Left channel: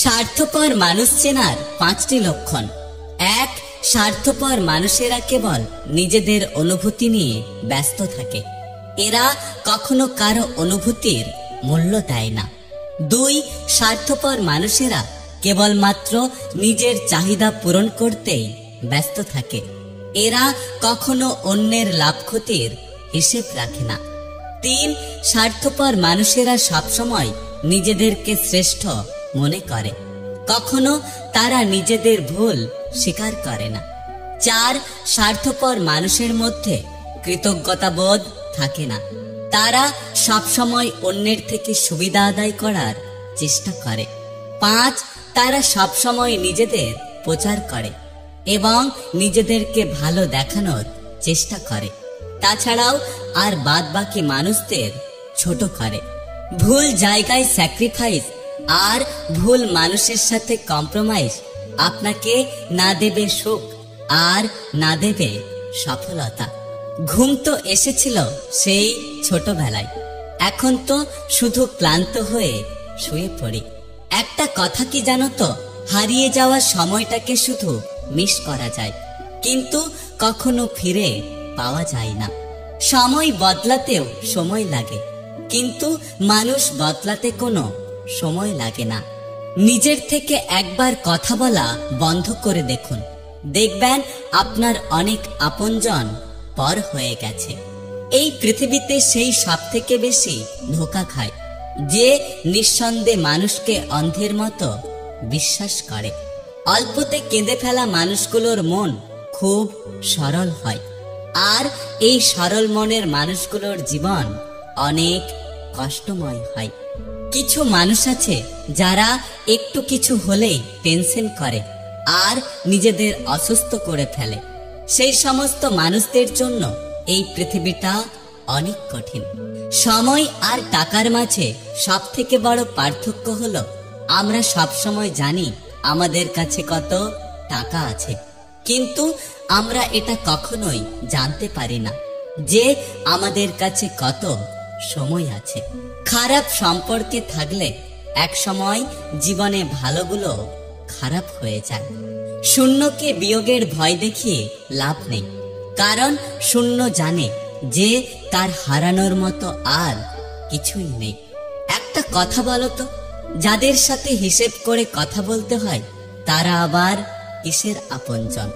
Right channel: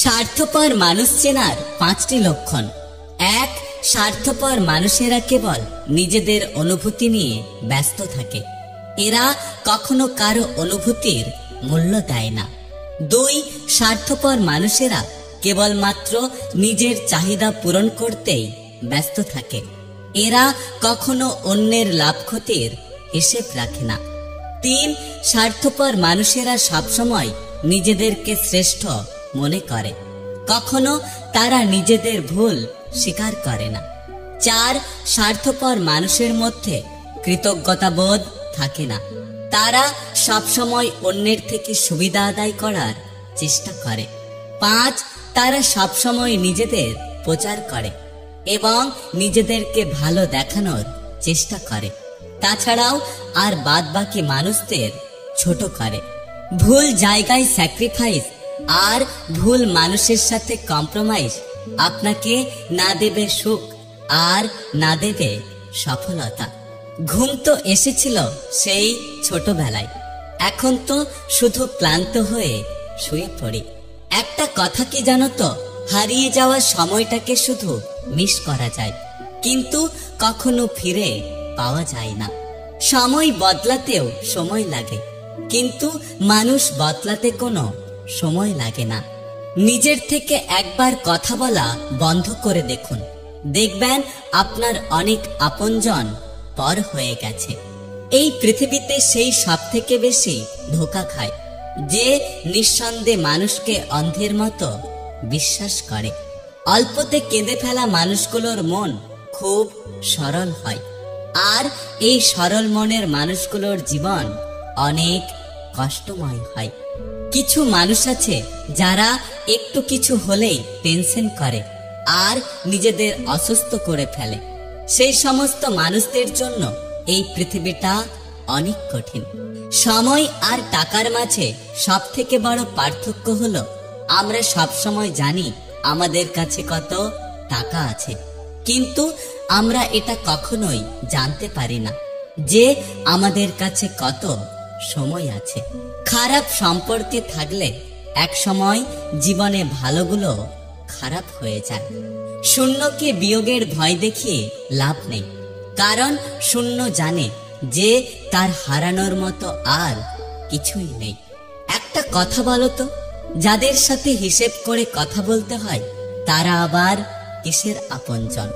স্বার্থপর মানুষ চেনার 5টি লক্ষণ। 1. স্বার্থপর মানুষেরা কেবল নিজেদের অনুভূতি নিয়ে ব্যস্ত থাকে। এরা কখনো কারো অনুভূতির মূল্য দেয় না। 2. স্বার্থপর মানুষেরা কেবলমাত্র নিজের চাহিদা পূরণ করতেই ব্যস্ত থাকে। এরা কখনো অন্যের লাভ ক্ষতির হিসেব রাখে না। 3. স্বার্থপর মানুষেরা সবসময় নিজেদেরকে শ্রেষ্ঠ মনে করে, কখনো তারা নিজেদের ভুল স্বীকার করে না। 4. স্বার্থপর মানুষের মধ্যে কৃতজ্ঞতা বোধ থাকে না। তারা সবসময় অন্যের থেকে সুবিধা আদায় করার চেষ্টা করে। 5. তারা সবসময় নিজেদের প্রচার করে এবং নিজেদেরকে ভালো দেখানোর চেষ্টা করে। তাছাড়াও আর বাদবাকি মানুষদের ছোট করে। ভুল জায়গায় স্যাক্রিফাইস আর ভুল মানুষের সাথে কম্প্রোমাইজ আপনাকে না দেবে সুখ আর না দেবে সফলতা। ঘুম তো এসেছিল সেই ছোটবেলায়, এখন তো শুধু ক্লান্ত হয়ে শুয়ে পড়ি। একটা কথা কি জানো তো, হারিয়ে যাওয়া সময়টাকে শুধু মিস করা যায়, কিন্তু কখনো ফিরে পাওয়া যায় না। সময় বদলাতেও সময় লাগে, কিন্তু মানুষ বদলাতে কোনো সময় লাগে না। নিজের থেকে একবার কথা বলা বন্ধ করে দেখুন, দেখবেন আপনার অনেক আপনজন পর হয়ে গেছে। এই পৃথিবীতে সেই সব থেকে বেশি ধোঁকা খায় যে নিঃসন্দেহে মানুষকে অন্ধের মতো বিশ্বাস করে। অল্পতে কেঁদে ফেলা মানুষগুলোর মন খুব সরল হয়, আর এই সরল মনের মানুষগুলোর জীবন অনেক কষ্টময় হয়। কিছু মানুষ আছে যারা একটু কিছু হলেই টেনশন করে আর নিজেদের অসুস্থ করে ফেলে। সেই সমস্ত মানুষদের জন্য এই পৃথিবীটা অনেক কঠিন। সময় আর টাকার মাঝে সব থেকে বড় পার্থক্য হলো, আমরা সব সময় জানি আমাদের কাছে কত টাকা আছে, কিন্তু আমরা এটা কখনোই জানতে পারি না যে আমাদের কাছে কত সময় আছে। খারাপ সম্পর্কে থাকলে এক সময় জীবনে ভালোগুলো খারাপ হয়ে যায়। শূন্যকে বিয়োগের ভয় দেখিয়ে লাভ নেই, কারণ শূন্য জানে যে তার হারানোর মতো আর কিছুই নেই। একটা কথা বলো তো, যাদের সাথে হিসেব করে কথা বলতে হয় তারা আবার কিসের আপনজন?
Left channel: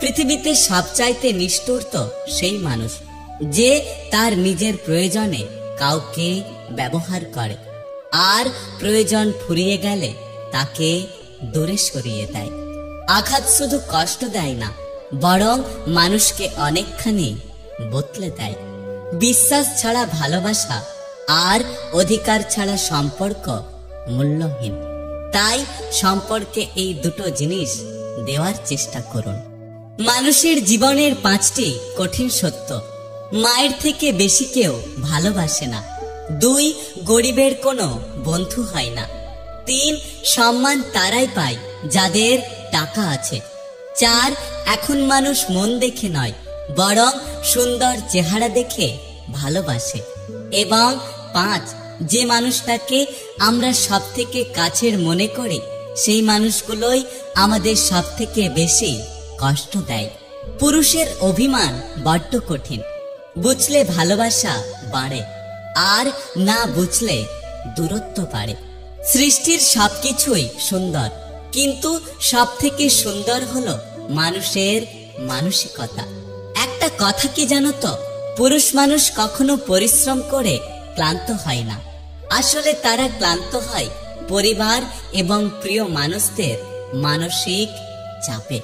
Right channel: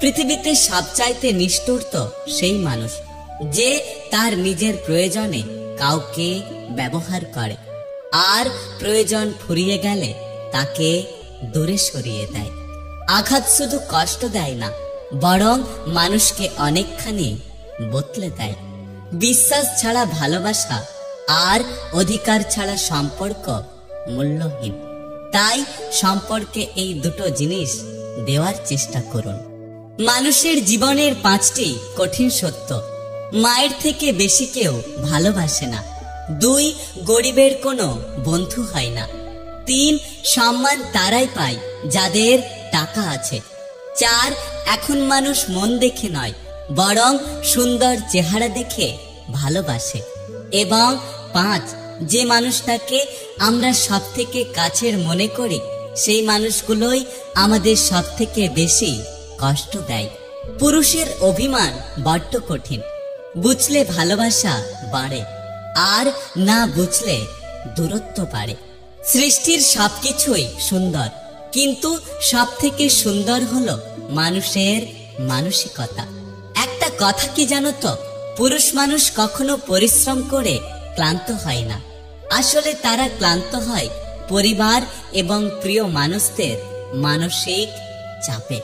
পৃথিবীতে সবচাইতে নিষ্ঠুর তো সেই মানুষ যে তার নিজের প্রয়োজনে কাউকে ব্যবহার করে আর প্রয়োজন ফুরিয়ে গেলে তাকে দূরে সরিয়ে দেয়। আঘাত শুধু কষ্ট দেয় না, বরং মানুষকে অনেকখানি বদলে দেয়। বিশ্বাস ছাড়া ভালোবাসা আর অধিকার ছাড়া সম্পর্ক মূল্যহীন। তাই সম্পর্কে এই দুটো জিনিস দেওয়ার চেষ্টা করুন। মানুষের জীবনের 5টি কঠিন সত্য। মায়ের থেকে বেশি কেউ ভালোবাসে না। 2. গরিবের কোনো বন্ধু হয় না। 3. সম্মান তারাই পায় যাদের টাকা আছে। 4. এখন মানুষ মন দেখে নয়, বরং সুন্দর চেহারা দেখে ভালোবাসে। এবং 5. যে মানুষটাকে আমরা সব থেকে কাছের মনে করি সেই মানুষগুলোই আমাদের সব থেকে বেশি কষ্ট দেয়। পুরুষের অভিমান বড্ড কঠিন, বুঝলে ভালোবাসা বাড়ে আর না বুঝলে দূরত্ব বাড়ে। সৃষ্টির সবকিছুই সুন্দর, কিন্তু সব থেকে সুন্দর হলো মানুষের মানসিকতা। একটা কথা কি জানো তো, পুরুষ মানুষ কখনো পরিশ্রম করে ক্লান্ত হয় না। আসলে তারা ক্লান্ত হয় পরিবার এবং প্রিয় মানুষদের মানসিক চাপে।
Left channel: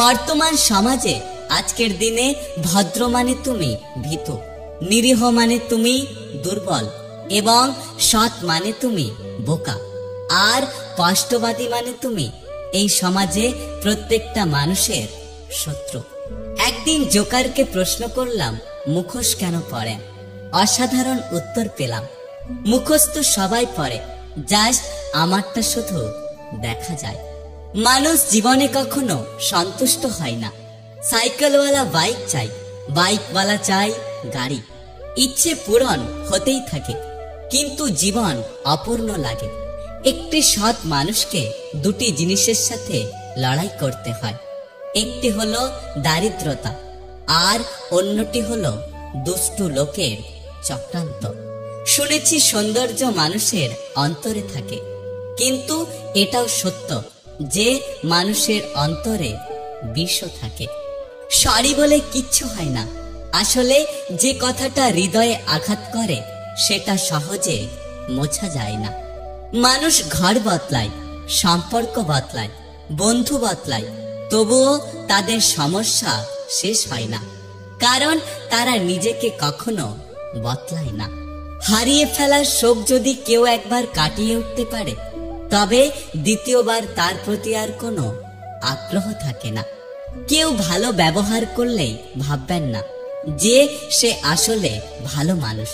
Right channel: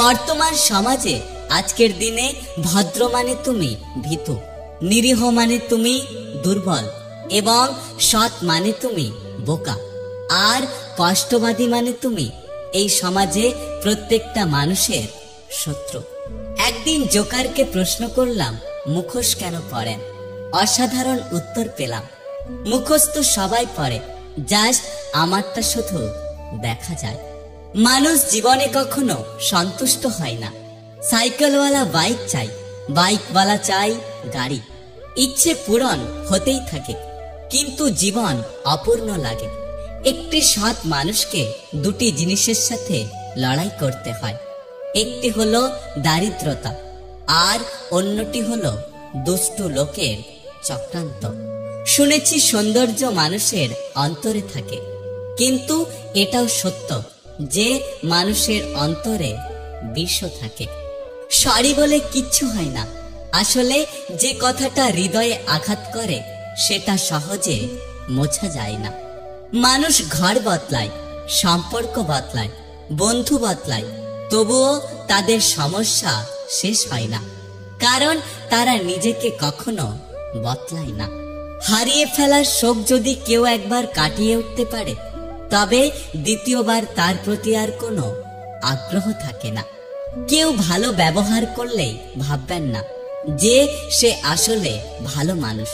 বর্তমান সমাজে আজকের দিনে ভদ্র মানে তুমি ভীতু, নিরীহ মানে তুমি দুর্বল, এবং সৎ মানে তুমি বোকা, আর কষ্টবাদী মানে তুমি এই সমাজে প্রত্যেকটা মানুষের শত্রু। একদিন জোকারকে প্রশ্ন করলাম, মুখোশ কেন পরেন? অসাধারণ উত্তর পেলাম, মুখোশ তো সবাই পরে, জাস্ট আমারটা শুধু দেখা যায়। মানুষ জীবনে কখনো সন্তুষ্ট হয় না। সাইকেলওয়ালা বাইক চাই, বাইকওয়ালা চাই গাড়ি। ইচ্ছে পূরণ হতেই থাকে, কিন্তু জীবন অপূর্ণ লাগে। একটি সৎ মানুষকে দুটি জিনিসের সাথে লড়াই করতে হয়। একটি হলো দারিদ্রতা, আর অন্যটি হলো দুষ্টু লোকের চক্রান্ত। শুনেছি সৌন্দর্য মানুষের অন্তরে থাকে, কিন্তু এটাও সত্য যে মানুষের অন্তরে বিষও থাকে। সরি বলে কিচ্ছু হয় না। আসলে যে কথাটা হৃদয়ে আঘাত করে সেটা সহজে মোছা যায় না। মানুষ ঘর বদলায়, সম্পর্ক বদলায়, বন্ধু বদলায়, তবুও তাদের সমস্যা শেষ হয় না, কারণ তারা নিজেকে কখনো বদলায় না। হারিয়ে ফেলার শোক যদি কেউ একবার কাটিয়ে উঠতে পারে, তবে দ্বিতীয়বার তার প্রতি আর কোনো আগ্রহ থাকে না। কেউ ভালো ব্যবহার করলেই ভাববেন না যে সে আসলে ভালো মানুষ।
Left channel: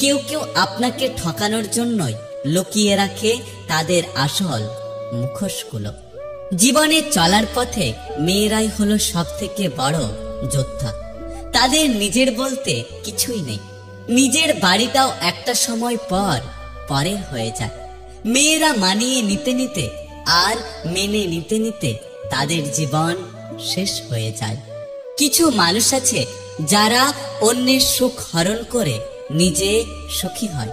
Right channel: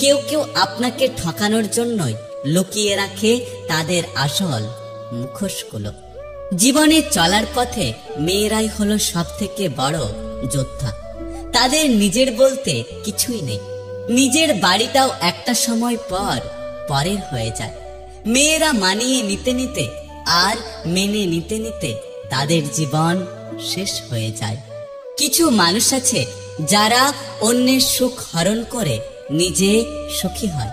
কেউ কেউ আপনাকে ঠকানোর জন্যই লুকিয়ে রাখে তাদের আসল মুখোশগুলো। জীবনে চলার পথে মেয়েরাই হলো সব থেকে বড় যোদ্ধা। তাদের নিজের বলতে কিছুই নেই। নিজের বাড়িটাও একটা সময় পর পরের হয়ে যায়। মেয়েরা মানিয়ে নিতে নিতে আর মেনে নিতে নিতে তাদের জীবন শেষ হয়ে যায়। কিছু মানুষ আছে যারা অন্যের সুখ হরণ করে নিজে সুখী হয়,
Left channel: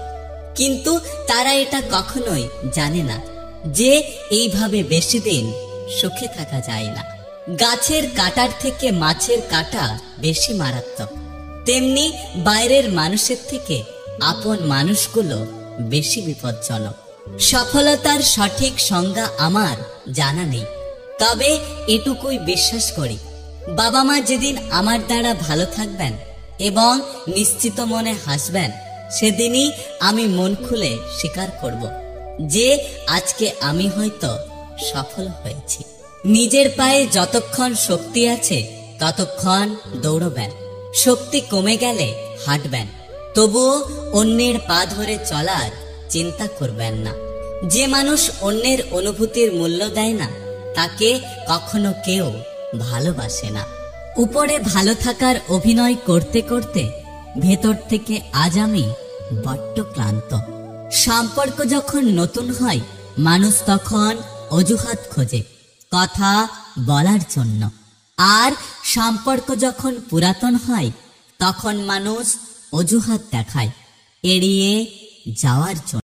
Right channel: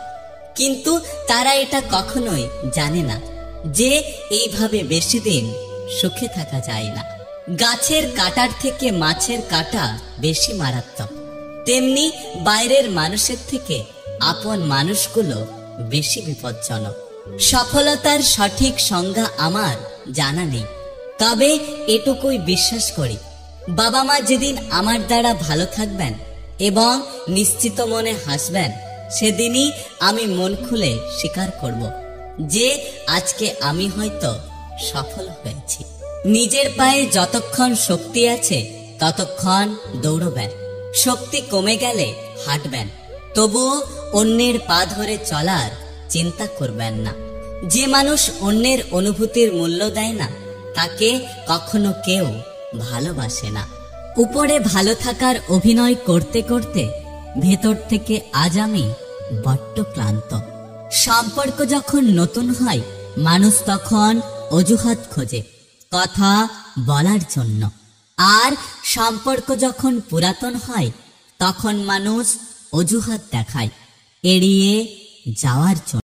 কিন্তু তারা এটা কখনোই জানে না যে এইভাবে বেশি দিন সুখে থাকা যায় না। গাছের কাঁটার থেকে মাছের কাঁটা বেশি মারাত্মক, তেমনি বাইরের মানুষের থেকে আপন মানুষগুলো বেশি বিপজ্জনক। সফলতার সঠিক সংজ্ঞা আমার জানা নেই, তবে এটুকুই বিশ্বাস করি, বাবা মা যেদিন আমার দ্বারা ভালো থাকবেন এবং নিশ্চিত মনে হাসবেন, সেদিনই আমি মন খুলে স্বীকার করব যে আজকে আমি হয়তো সফল হয়েছি। নিজের পায়ে যতক্ষণ শক্তি আছে ততক্ষণ দৌড়বেন। শক্তি কমে গেলে হাঁটবেন, তবুও অন্যের পা ধরে চলার চিন্তা করবেন না। যে মানুষ অন্যের অনুভূতির মূল্য দেয় না, তাকে কখনো কেউ ভালোবাসে না। উপরে ভালো থাকার অভিনয় করতে করতে ভেতর থেকে আজ আমি বড্ড ক্লান্ত। সম্পর্ক যখন নতুন হয়, মানুষ তখন অজুহাত খোঁজে কথা বলার জন্য, আর সম্পর্ক যখন পুরাতন হয় তখন মানুষ অজুহাত দেখায় এড়িয়ে যাওয়ার জন্য।